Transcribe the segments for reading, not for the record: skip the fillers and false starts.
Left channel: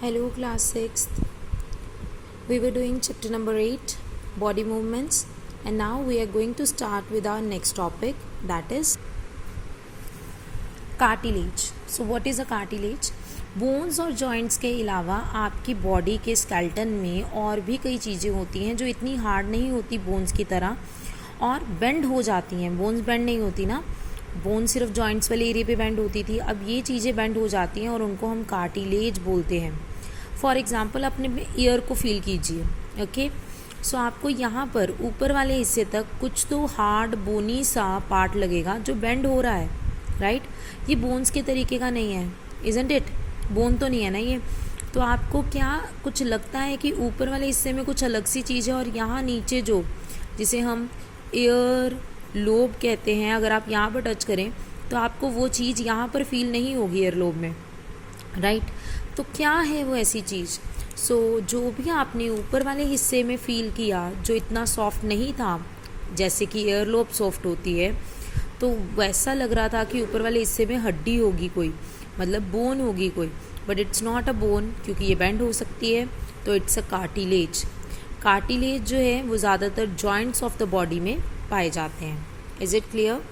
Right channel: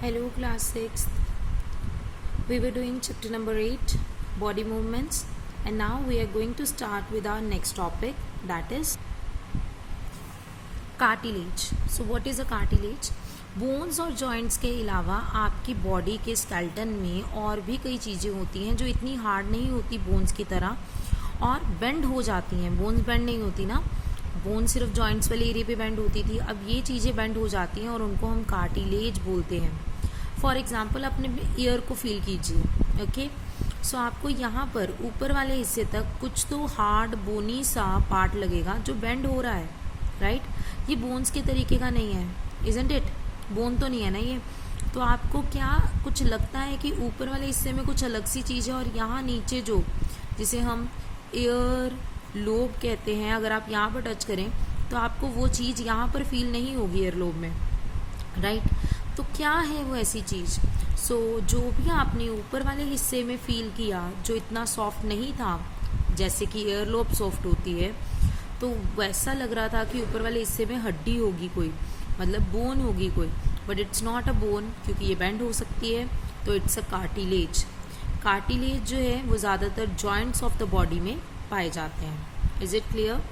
Hello, class 6th. We were doing chapter number 8, body movements, and now we are going to start with our next topic, that is cartilage. So, what is a cartilage? Bones और joints के अलावा आपकी body के skeleton में और भी कई चीज़ें होती हैं जो इतनी हार्ड नहीं होती बोन्स की तरह और बेंड हो जाती हैं. बोन्स बेंड नहीं होती ना, बोन सिर्फ जॉइंट्स वाले एरिया पे बेंड होती थी. अब ये चीज़ें बेंड हो जाती हैं और उनको हम कार्टिलेज बोलते हैं. फॉर एग्जाम्पल अपने ईयर को फील कीजिए. ओके, सो आपको यहाँ पर ऊपर वाले हिस्से तक कुछ तो हार्ड बोनी सा पार्ट लगेगा जो बेंड हो रहा है, राइट? ये बोन्स के तरीके का नहीं है, इजंट इट? बोन तो नहीं है ना ये. तो आपको क्या कुछ लगता है कि ऊपर वाले हिस्से में कुछ अलग सी चीज़ है और यहाँ नीचे जो जिसे हम ईयर लोब कहते हैं, अगर आप यहाँ पर टच करें तो आपको वो चीज़ यहाँ पर फील नहीं होगी ईयर लोब में, राइट? तो क्या है वो ऐसी चीज़? सो जो भी आपने ऊपर वाले हिस्से में फील किया जो इतना सॉफ्ट नहीं था, जैसे कि ईयर लोब सॉफ्ट होती है, तो वैसा लग रहा था कि ऊपर वाले हिस्से में हड्डी होगी कोई, मतलब बोन होगी कोई, but it's not a bone क्योंकि ये बेंड हो सकती है. तो इट्स अ कार्टिलेज. कार्टिलेज जो है वो ज़्यादातर जॉइंट्स ऑफ द बॉडी में पाए जाते हैं. Is it clear?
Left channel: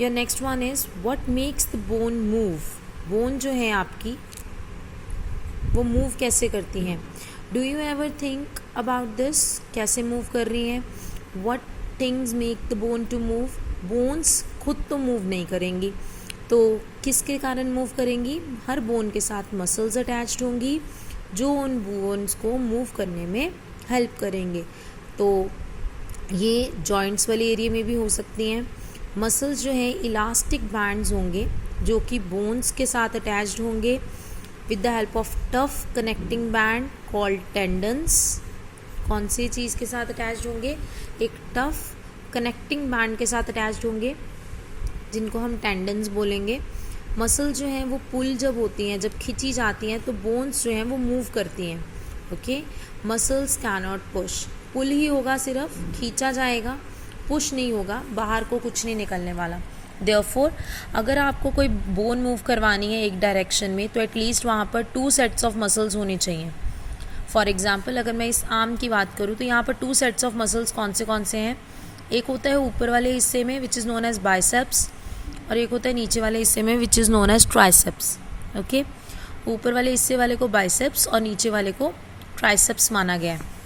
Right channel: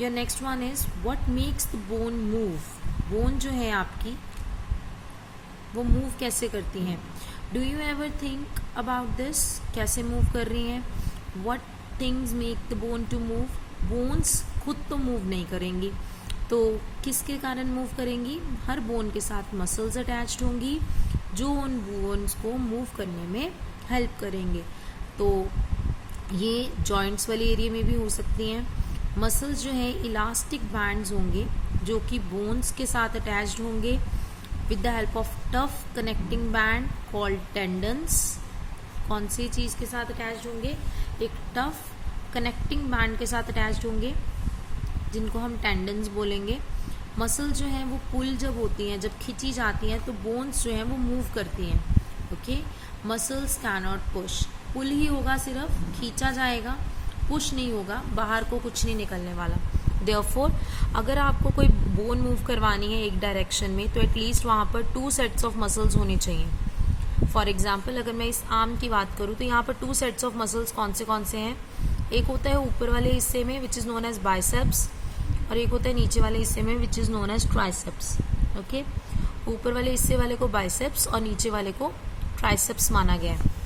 Your next one is what makes the bone move. Bone जो है आपकी वो मूव कैसे करती हैं? Do you ever think about this? कैसे मूव कर रही हैं? What things make the bone to move? Bones खुद तो मूव नहीं करेंगी, तो किसके कारण मूव करेंगी? हर बोन के साथ मसल्स अटैच्ड होंगी जो उन बोन्स को मूव करने में हेल्प करेंगे. तो ये जॉइंट्स वाले एरिया में भी हो सकती हैं. मसल्स जो हैं इलास्टिक बैंड्स होंगे जो कि बोन्स के साथ अटैच्ड होंगे with the help of tough connecting band called tendons. कौन सी चीज़ के साथ अटैच्ड होंगे? एक टफ कनेक्टिंग बैंड के साथ अटैच्ड होंगे जिनको हम टेंडन्स बोलेंगे. मसल जो हैं वो पुल जब होती हैं, जब खींची जाती हैं तो बोन्स जो हैं वो मूव करती हैं. Okay, muscles can not push. Pull ही होगा, सिर्फ खींचा जाएगा, पुश नहीं होगा, बाहर को कुछ नहीं निकलने वाला. देयरफॉर अगर आपको कोई बोन मूव करवानी है एक डायरेक्शन में तो एटलीस्ट वहाँ पर 2 सेट्स ऑफ मसल्स होने चाहिए. फॉर एग्जाम्पल अगर मैं इस आर्म की बात करूँ तो यहाँ पर 2 सेट्स ऑफ मसल्स कौन से हैं? एक होता है ऊपर वाले हिस्से में which is known as biceps और एक होता है नीचे वाले हिस्से में which is known as triceps. Okay, ऊपर वाले हिस्से वाले को बाइसेप्स और नीचे वाले को ट्राइसेप्स माना गया है.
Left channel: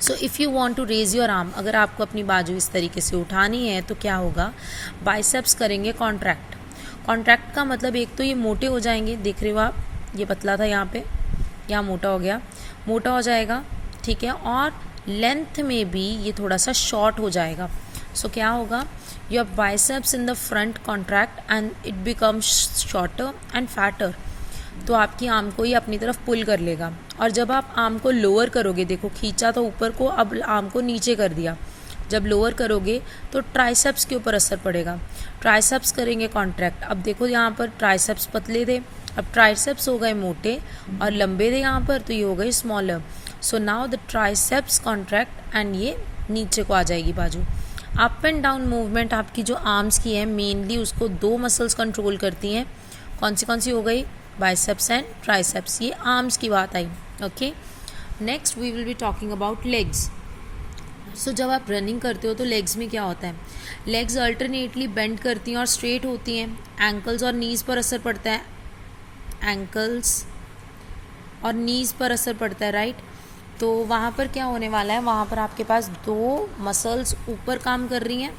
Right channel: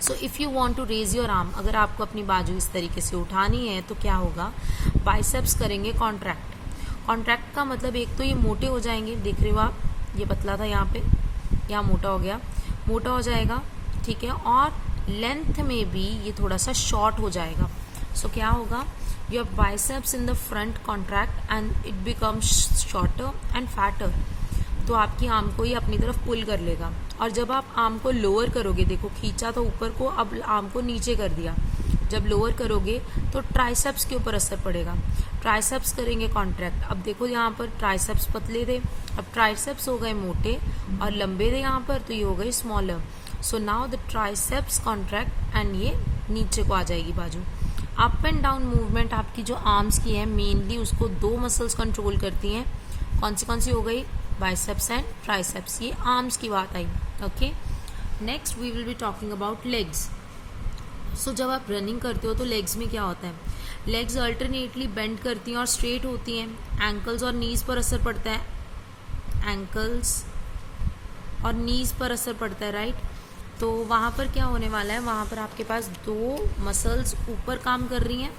So if you want to raise your arm, अगर आपको अपनी बाजू इस तरीके से उठानी है तो क्या होगा? बाइसेप्स करेंगे कॉन्ट्रैक्ट. कॉन्ट्रैक्ट का मतलब एक तो ये मोटे हो जाएंगे, देख रहे हो आप, ये पतला था यहाँ पे, यहाँ मोटा हो गया, मोटा हो जाएगा, ठीक है, और लेंथ में भी ये थोड़ा सा शॉर्ट हो जाएगा. सो क्या होगा? Your biceps in the front contract and it becomes shorter and fatter. तो आपकी आर्म को ये अपनी तरफ पुल कर लेगा. और जब आप आर्म को लोअर करोगे, देखो खींचा तो ऊपर को, अब आर्म को नीचे कर दिया, जब लोअर करोगे तो ट्राइसेप्स के ऊपर असर पड़ेगा. ट्राइसेप्स करेंगे कॉन्ट्रैक्ट. अब देखो यहाँ पर ट्राइसेप्स पतले थे, अब ट्राइसेप्स हो गए मोटे, और लंबे थे यहाँ पर तो ये हो गए smaller. So now the triceps contract and ये नीचे को आ जाएगी बाजू. अप एंड डाउन मूवमेंट आपकी जो आर्म्स की है मेनली उसको 2 मसल्स कंट्रोल करती हैं. कौन सी हो गई? Biceps and triceps. ये आर्म्स की बात आई. Okay, next we will be talking about legs. So जब आप रनिंग करते हो तो लेग्स में क्या होता है? लेग्स अल्टरनेटली बेंड करती हैं और स्ट्रेट होती हैं. एंकल्स और नीज़ पर असर पड़ता है, एंकल्स और नीज़ पर असर पड़ता है, राइट? तो वहाँ पर क्या होने वाला है? वहाँ पर आपके पास 2 मसल्स ऊपर काम कर रही हैं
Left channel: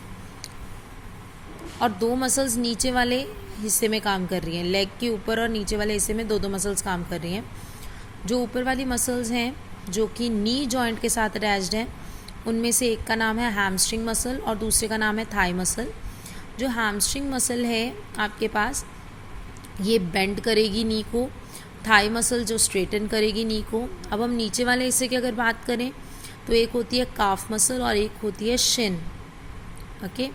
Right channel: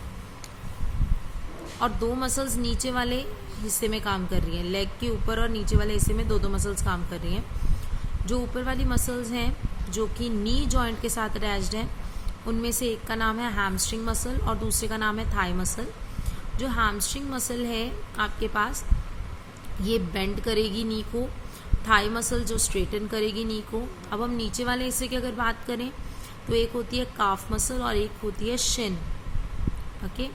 और 2 मसल्स नीचे वाले हिस्से में काम कर रही हैं. लेग के ऊपर और नीचे वाले हिस्से में 2 मसल्स काम कर रही हैं. जो ऊपर वाली मसल्स हैं जो कि नी जॉइंट के साथ अटैच्ड हैं, उनमें से एक का नाम है हैमस्ट्रिंग मसल और दूसरे का नाम है थाई मसल. जो हैमस्ट्रिंग मसल है आपके पास, ये बेंड करेगी नी को. थाई मसल जो स्ट्रेटन करेगी नी को. अब हम नीचे वाले हिस्से की अगर बात करें तो एक होती है काफ मसल और एक होती है शिन. ओके,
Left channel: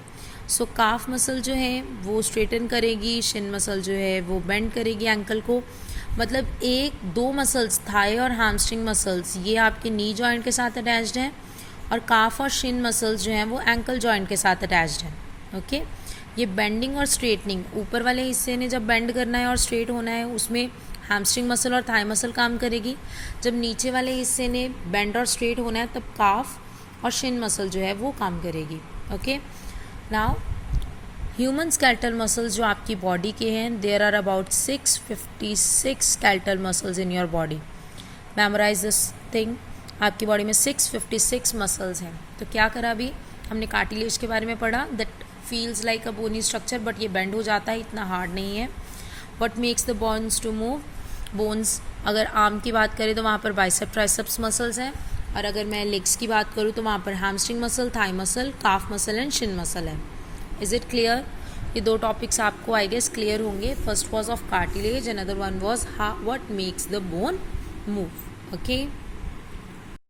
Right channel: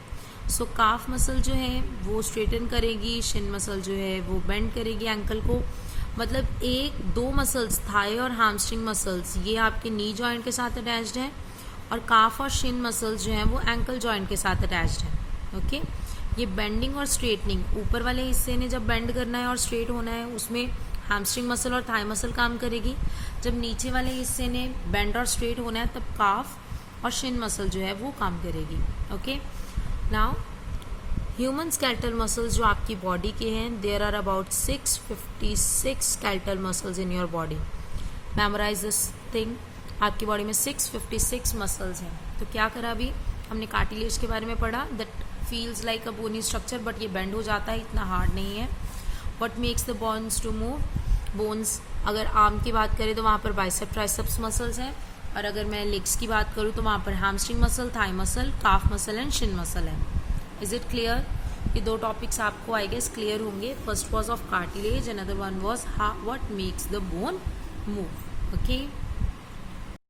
सो काफ मसल जो है वो स्ट्रेटन करेगी, शिन मसल जो है वो बेंड करेगी एंकल को. मतलब 2 मसल्स, थाई और हैमस्ट्रिंग मसल्स, ये आपके नी जॉइंट के साथ अटैच्ड हैं और काफ और शिन मसल्स जो हैं वो एंकल जॉइंट के साथ अटैच्ड हैं. ओके, ये बेंडिंग और स्ट्रेटनिंग, ऊपर वाले हिस्से ने जब बेंड करना है और स्ट्रेट होना है उसमें हैमस्ट्रिंग मसल और थाई मसल काम करेगी। जब नीचे वाले हिस्से ने बेंड और स्ट्रेट होना है तब काफ और शिन मसल जो है वो काम करेगी। Okay, now human skeletal muscles जो आपकी बॉडी के हैं, there are about 656 skeletal muscles in your body. Memorize this thing, आपकी बॉडी में 656 मसल्स हैं। तो क्या करा अभी हमने कार्टिलेज के बारे में पढ़ा, that feels like a bony structure but ये बेंड हो जाता है, इतना हार्ड नहीं है। What makes the bones to move, bones अगर आर्म की बात करें तो वहाँ पर बाइसेप ट्राइसेप्स मसल्स हैं, और अगर मैं लेग्स की बात करूँ तो वहाँ पर hamstring muscle, thigh muscle, calf muscle and shin muscle है। Is it clear? ये दो टॉपिक्स आपको आई गेस क्लियर होंगे। First was of cartilage, another one was what makes the bone move. Okay.